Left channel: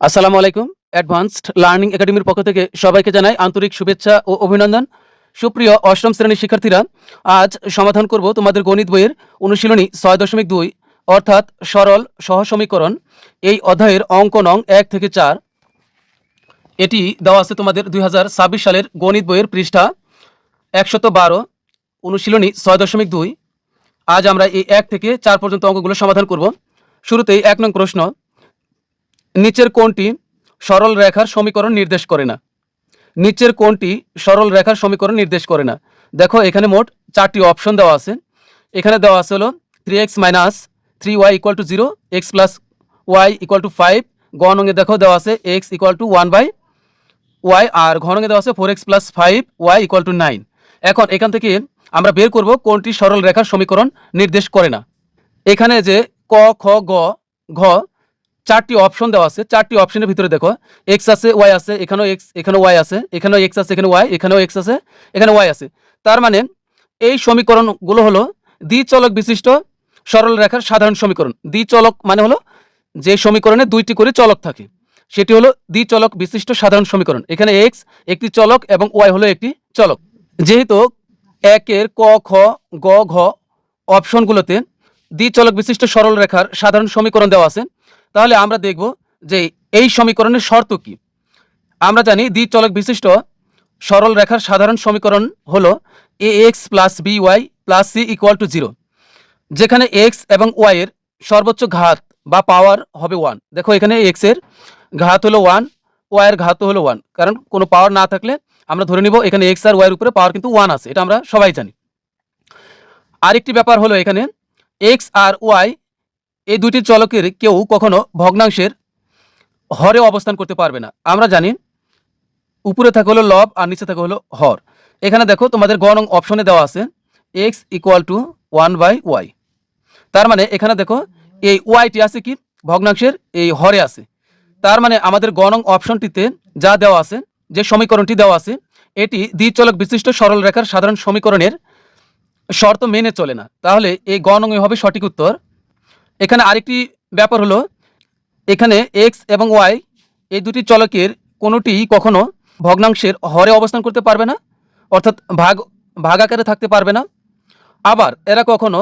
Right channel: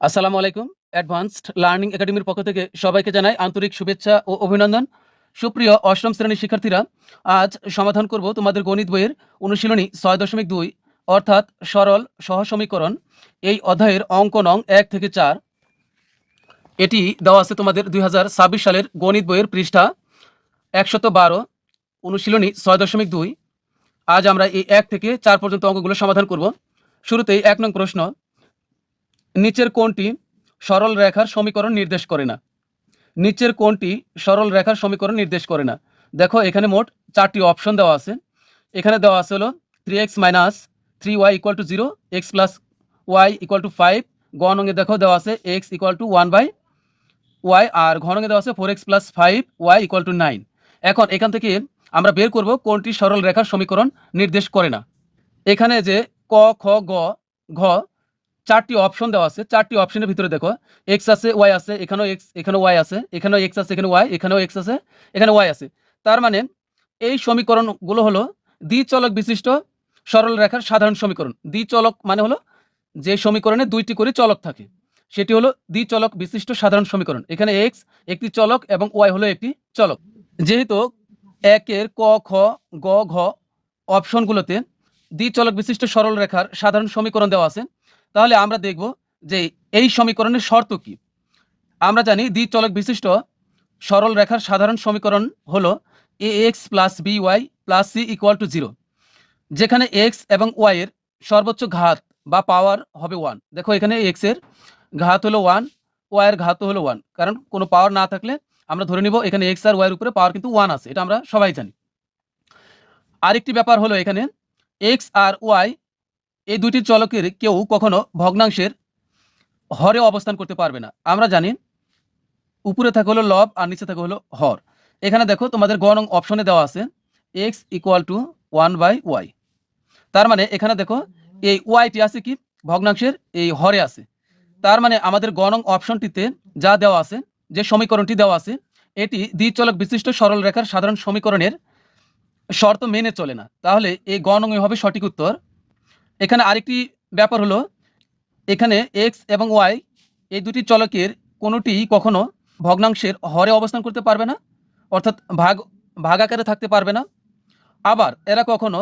আসসালামু আলাইকুম। Advanced learning একাডেমির পক্ষ থেকে সবাইকে জানাই আন্তরিক শুভেচ্ছা ও অভিনন্দন। সুপ্রিয় অষ্টম শ্রেণীর শিক্ষার্থীরা, আজ সমাধান করব তোমাদের গণিত বইয়ের অনুশীলনী ৬.২ অর্থাৎ সরল সহসমীকরণ। এই অধ্যায়ের অঙ্ক নং ১ থেকে ৪। এটি দেওয়া আছে তোমাদের ২০২৬ সালের গণিত বইয়ের পৃষ্ঠা ১১২, অনুশীলনী ৬.২। আজ আমরা এই ১ থেকে ৪ পর্যন্ত অঙ্কগুলো সমাধান করব। শুরুতেই ১ নং প্রশ্ন, নিচের কোনটি সরল রেখার সমীকরণ নির্দেশ করে না? নিচের কোনটি সরল রেখার সমীকরণ নির্দেশ করে না? দেখো এখানে মোট 4টি অপশন দেওয়া আছে। এখানে দেওয়া আছে হলো 3x - 3y = 0, x + y = 5। গ নঙে দেখো দেওয়া আছে x = 1/y, আর ঘ নঙে দেওয়া আছে 4x + 5y = 9। এখন এখান থেকে আমরা বের করব কোনটি সরল রেখার সমীকরণ নির্দেশ করে না। এখানে যে ক, খ, গ, ঘ 4টি অপশন দেওয়া আছে। 4টি অপশনের ভিতরে দেখো x আছে, y আছে, এখানেও x, এখানেও y আছে, এখানেও x আছে, এখানে y, এখানেও x আছে, এখানে y আছে। তার মানে এই সমীকরণগুলো হলো দ্বিচলক বিশিষ্ট সরল রেখার সাধারণ সমীকরণ। দ্বিচলক মানে হলো যে সমীকরণে দুইটি করে চলক থাকে, সেটি হলো দ্বিচলক বিশিষ্ট সাধারণ সমীকরণ। এখানে x একটি চলক এবং y হলো একটি চলক। যেহেতু 1-এর ক, খ, গ, ঘ অপশনগুলোতে দ্বিচলক বিশিষ্ট সরল রেখার সাধারণ সমীকরণ দেওয়া আছে, তাহলে আমরা দেখব যে এই সমীকরণের শর্ত কি। আমরা জানি দ্বিচলক বিশিষ্ট সরল রেখার সাধারণ সমীকরণ হলো ax + by + c = 0, যেখানে x এবং y এর সর্বোচ্চ ঘাত বা পাওয়ার হবে 1। দেখো এখানে x এর ঘাত হলো 1, y এর ঘাত হলো 1, কারণ কোনো পাওয়ার না থাকলে আমরা ধরে নিব এখানে x আর y এর উপরে পাওয়ার কিন্তু 1 আছে, এটা আমরা সবাই জানি। আরেকটি ব্যাপার হলো এখানে x আর y এই দুটি চলকের কেউ কখনো ভগ্নাংশের হরে অবস্থান করতে পারবে না। আমরা জানি উপরে থাকে হলো লব আর নিচে থাকে হলো হর। এখানে দেখো তোমাদের গ নং অপশনে দেওয়া আছে x = 1/y। তার মানে এখানে দেখো এই ওয়াইটি আছে কি ভগ্নাংশের এই হরে আছে। তার মানে আমাদের গ নং অপশনটিতে যা দেওয়া আছে, যে সমীকরণটি দেওয়া আছে, এটি দ্বিচলক বিশিষ্ট সরল রেখার সাধারণ সমীকরণের শর্ত মেনে চলে না। তাহলে এই গ নং হবে সঠিক উত্তর। এখানে আরেকটি ব্যাপার হলো এখানে x এবং y এই দুটি চলকের কোনোটিই কখনো ভগ্নাংশের হরে অবস্থান করতে পারবে না, অর্থাৎ ভাগ আকারে থাকতে পারবে না। আবার এরা কখনো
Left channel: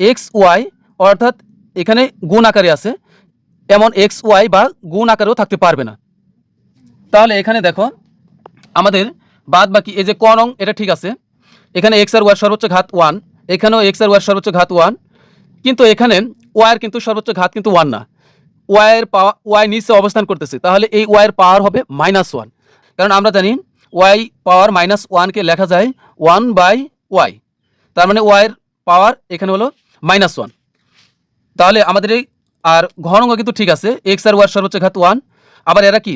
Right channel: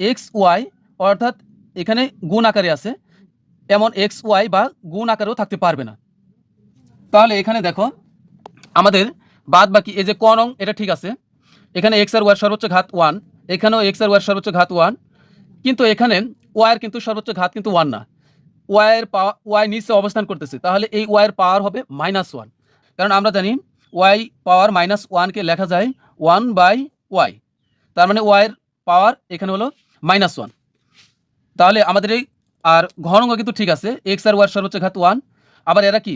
x y অর্থাৎ এখানে গুণ আকারে আছে, এমন x y বা গুণ আকারেও থাকতে পারবে না। তাহলে এখানে দেখো আমাদের বাদ বাকি এই যে ক নং এটা ঠিক আছে, এখানে x আর y এর সর্বোচ্চ ঘাত 1, এখানেও x আর y এর সর্বোচ্চ ঘাত 1, কিন্তু এখানে y এর কিন্তু সর্বোচ্চ ঘাত কিন্তু 1 না, y এর পাওয়ার y নিচে অবস্থান করতেছে, তাহলে এই y এর পাওয়ার হবে -1। কারণ আমরা জানি y পাওয়ার -1 কে লেখা যায় 1/y, তার মানে y এর পাওয়ার এখানে হলো -1। তাহলে আমাদের এই আর ঘন অঙ্ক কিন্তু ঠিক আছে, x আর y এর সর্বোচ্চ ঘাত 1। আবার এরা কি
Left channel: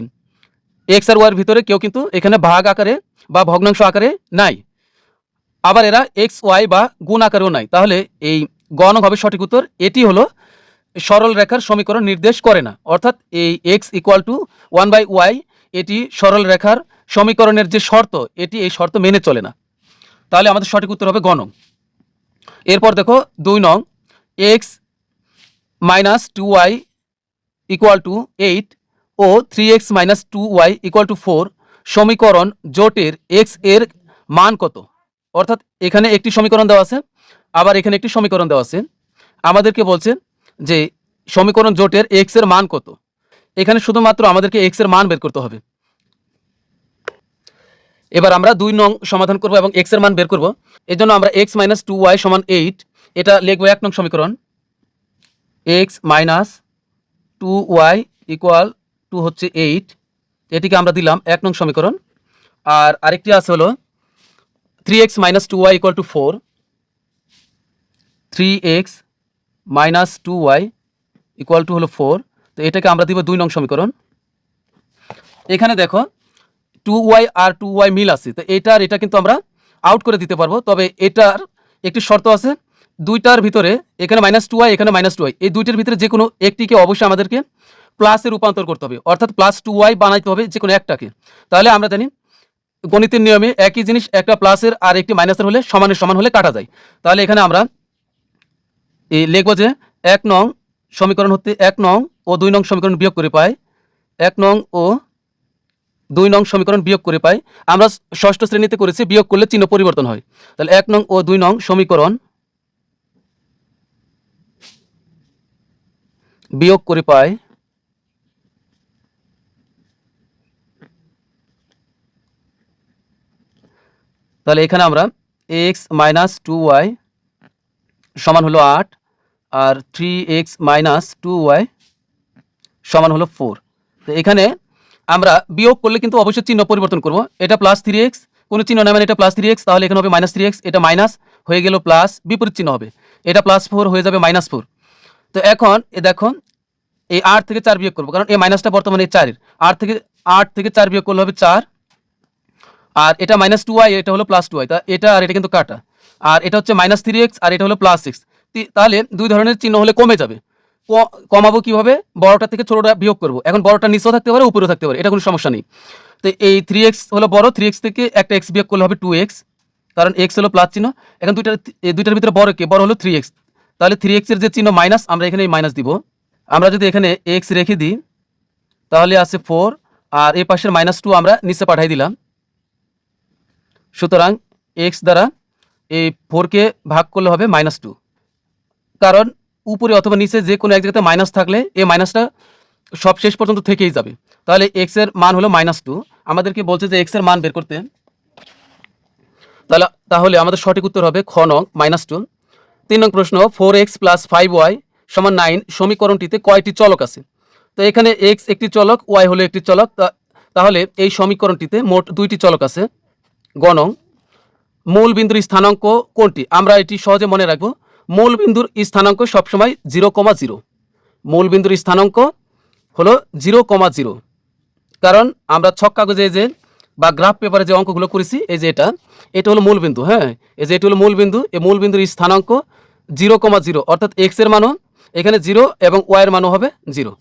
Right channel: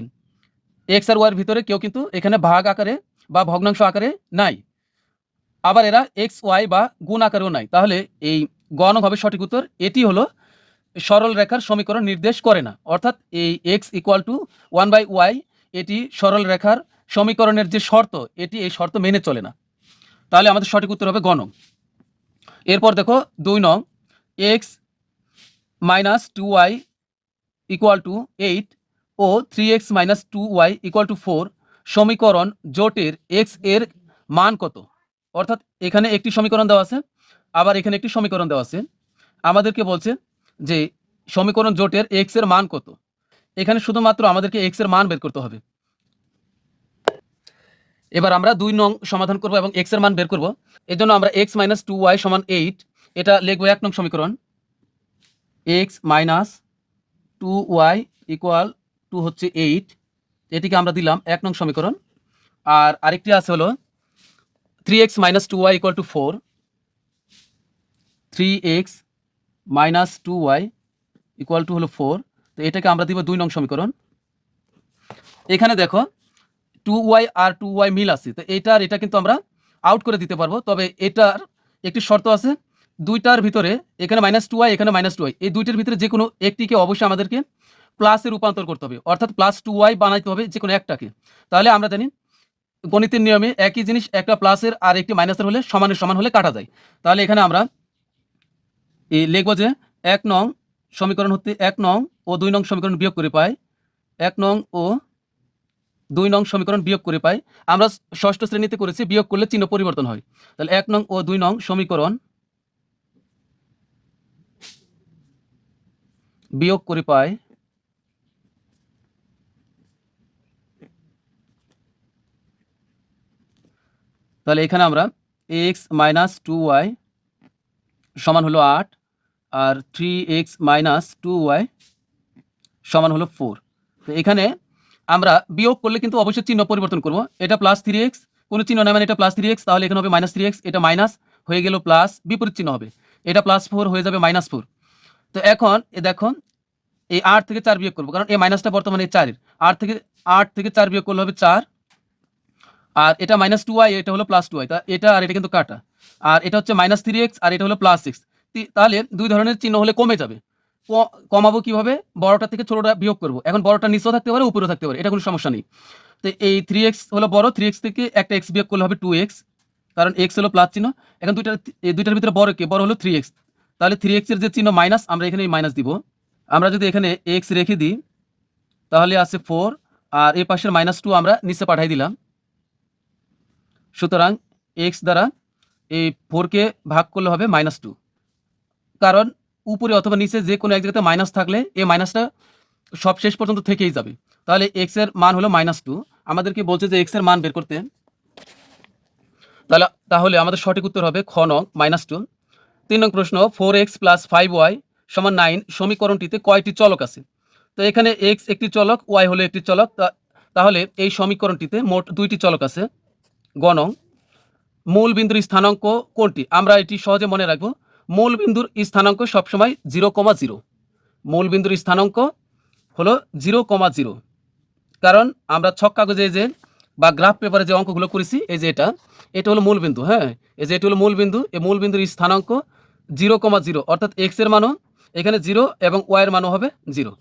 x আর y এর ভিতরে কেউ কিন্তু এখানে ভাগ আকারে বা ভগ্নাংশ আকারে নাই, আবার এরা x y বা গুণ আকারেও নাই। তাহলে এই গ নং হবে সঠিক উত্তর। এটি হলো সরল রেখার সমীকরণ নির্দেশ করে না, অর্থাৎ এই x = 1/y এটি সরল রেখার সমীকরণের যে শর্ত, এটি এই শর্ত মেনে চলে না। তাহলে আমাদের সঠিক উত্তর হবে গ নং। এরপর দেখো 2 নং, x - 2y = 8 ও 3x - 2y = 4 সমীকরণ জোটের x এর মান কত? অর্থাৎ এখানে একটি সমীকরণ দেওয়া আছে, আবার এখানে একটি সমীকরণ দেওয়া আছে। আমাদেরকে বলছে যে সমীকরণ জোটের x এর মান কত। এখানে শুধুমাত্র আমাদেরকে x এর মান বের করতে হবে। এবার আমরা 2 নং সমাধান করব এবং x এর মান বের করব। এজন্য আমরা x - 2y = 8 এটা লিখব 1 নং সমীকরণ। x - 2y = হচ্ছে 8, এটিকে আমরা দিলাম 1 নং সমীকরণ। আর আরেকটি আছে হলো 3x - 2y = 4, 3x - 2y হলো 4, তো এটাকে আমরা দিব 2 নং সমীকরণ। এখানে দেখো 2y আর 2y মিল আছে, তো এটা আর এটা কিন্তু আমরা আউট করে দিতে পারবো। তবে এটার একটি শর্ত আছে, দুইটার ভিতরে এখানে -2y এখানে -2y, এই দুইটার ভিতরে যে কোনো একটিকে অবশ্যই আমাদেরকে প্লাসে রূপান্তর করতে হবে, অর্থাৎ +2y বানাইতে হবে যে কোনো একটাকে। তাহলে আমরা জানি গণিতের নিয়মে একই জিনিস একটা প্লাসের আর একটি মাইনাসের হলে সমানের সমান হলে কাটা যায়। তাহলে এখানে আমরা লিখব যে 1 নং সমীকরণ হতে 1 নং ও 2 নং সমীকরণ বিয়োগ করে পাই 1 নং ও 2 নং সমীকরণ বিয়োগ করে পাই। আমরা ষষ্ঠ শ্রেণীতে করেছি বিয়োগ করলে চিহ্ন পরিবর্তন হয়। তাহলে 1 নং ও 2 নং সমীকরণ বিয়োগ করে পাই তাহলে এখানে আমরা x - 2y সমান হলো 8 আর 3x - 2y সমান হলো 4। তো এখানে আমরা বিয়োগ করলে কিন্তু অবশ্যই চিহ্ন পরিবর্তন করব। এটা প্লাস 3x, কোনো চিহ্ন না মানে এটা প্লাস 3x, তাহলে এখানে হবে মাইনাস 3x, এটা মাইনাস হয়ে গেল প্লাস, বিপরীত চিহ্ন হবে, এটা প্লাস 4 হয়ে যাবে -4। তো এখন দেখো এই 8 থেকে 4 বিয়োগ করব, কারণ এই মাইনাসটা বর্তমানে 4 এর। 8 থেকে 4 বিয়োগ করলে হবে 4, আর এটা -2y, এটা হলো +2y, তা এটা আর এটা কিন্তু কাটা, আর এটা হচ্ছে -3x আর এটা হলো +6। তাহলে দুই ধরনের চিহ্ন হলে কমে যাবে। কমাবো কিভাবে? বড়টা থেকে ছোটটা বিয়োগ করব। এখন বড়টা নিচেও থাকতে পারে উপরেও থাকতে পারে, এটা কোনো সমস্যা নেই। তো এই 3x হলো বড়, 3x থেকে একটা x বিয়োগ করলে হবে 2x, কারণ x হলো প্লাস চিহ্ন। এখন দুইটার ভিতরে বড় কে? বড় হলো 3x, তাহলে 3x এর যে চিহ্ন মাইনাস, আমরা এখানে মাইনাস দিব। আমরা যদি এখানে x রেখে দিই তাহলে আছে 4, আর এই পাশের -2 আমরা নিচে পাঠিয়ে দিলাম। সুতরাং x দ্বারা এই 4 কে ভাগ করলে হবে -2, কারণ উপরে অথবা নিচে যে কোনো এক জায়গাতে মাইনাস থাকলে এই মাইনাসটা সব শেষ পর্যন্ত থেকেই যাবে। তাহলে x এর মান হলো -2, আমাদেরকে বলছে যে x এর মান বের করতে। তাহলে আমাদের সঠিক উত্তর হবে খ নং -2। 3 নং প্রশ্ন, 4x + 5y = 9 সমীকরণটিতে কয়টি চলক আছে? তো এখানে x একটি চলক, y হলো একটি চলক, তাহলে এই সমীকরণটিতে মোট 2টি চলক আছে। গ নং, মূল বিন্দুর স্থানাঙ্ক কোনটি? আমরা এটি সহজে মনে রাখবো। মূল বিন্দুর স্থানাঙ্ক সবসময় 0,0। মূল বিন্দুর স্থানাঙ্ক হলো 0,0, কারণ আমরা ছক কাগজে যে বা গ্রাফ পেপারে যে অঙ্কগুলো করেছি, এই যে এটা হলো মূল বিন্দু। হ্যাঁ, এই যে এটা হলো মূল বিন্দু, এই মূল বিন্দুর স্থানাঙ্ক 0,0, অর্থাৎ x এর মানও এখানে 0 এবং y এর মানও হবে 0।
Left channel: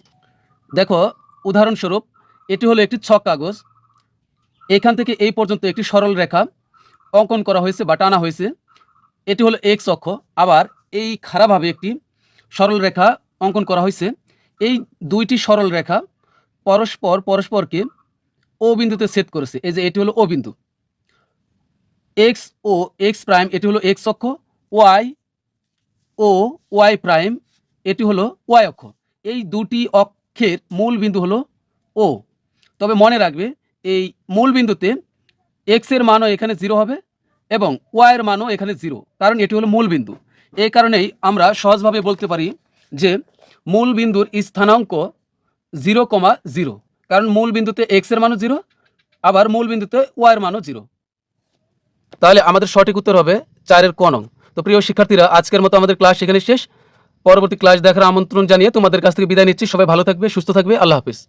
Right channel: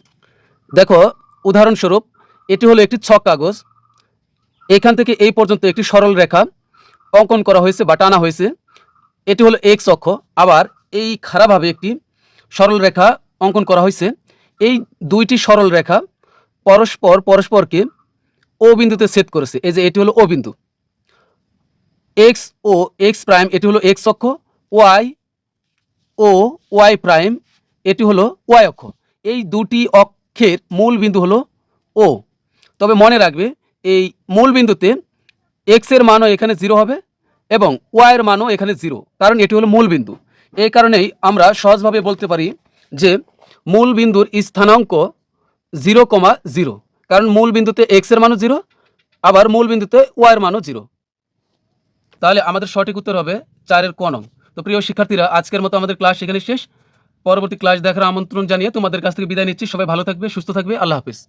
দেখো উদাহরণস্বরূপ, এটি হলো একটি ছক কাগজ, এখান থেকে এই পর্যন্ত একটি সরল রেখা অঙ্কন করা হয়েছে বা টানা হয়েছে, এটি হলো x অক্ষ। আবার এই খাড়াভাবে একটি সরল রেখা অঙ্কন করা হয়েছে। এই দুইটি সরল রেখা পরস্পরকে ও বিন্দুতে ছেদ করেছে, এই যে এটি হলো ও বিন্দু। x ও x প্রাইম এটি হলো x অক্ষ, y ও y প্রাইম এটি হলো y অক্ষ। এই দুটি অক্ষের মূল বিন্দু হলো ও। তবে মনে রাখবে, এই মূল বিন্দুতে x এর মানও এখানে 0 হবে এবং y এর মানও এখানে 0, কারণ এটি হলো মূল বিন্দু। এই কারণেই আমরা সহজভাবে বলতে পারি যে মূল বিন্দুর স্থানাঙ্ক 0,0, কারণ মূল বিন্দুতে x এর মানও 0, আবার মূল বিন্দুতে y এর মানও 0। তাহলে আমাদের সঠিক উত্তর হবে 4 এর ক নং। তো প্রিয় শিক্ষার্থীরা, আজকের মতো আমাদের ক্লাস এখানে শেষ। পরবর্তী ক্লাস দেখার আমন্ত্রণ জানিয়ে তোমাদের কাছ থেকে বিদায় নিচ্ছি। সবাই ভালো থাকবে, সুস্থ থাকবে। আল্লাহ হাফেজ।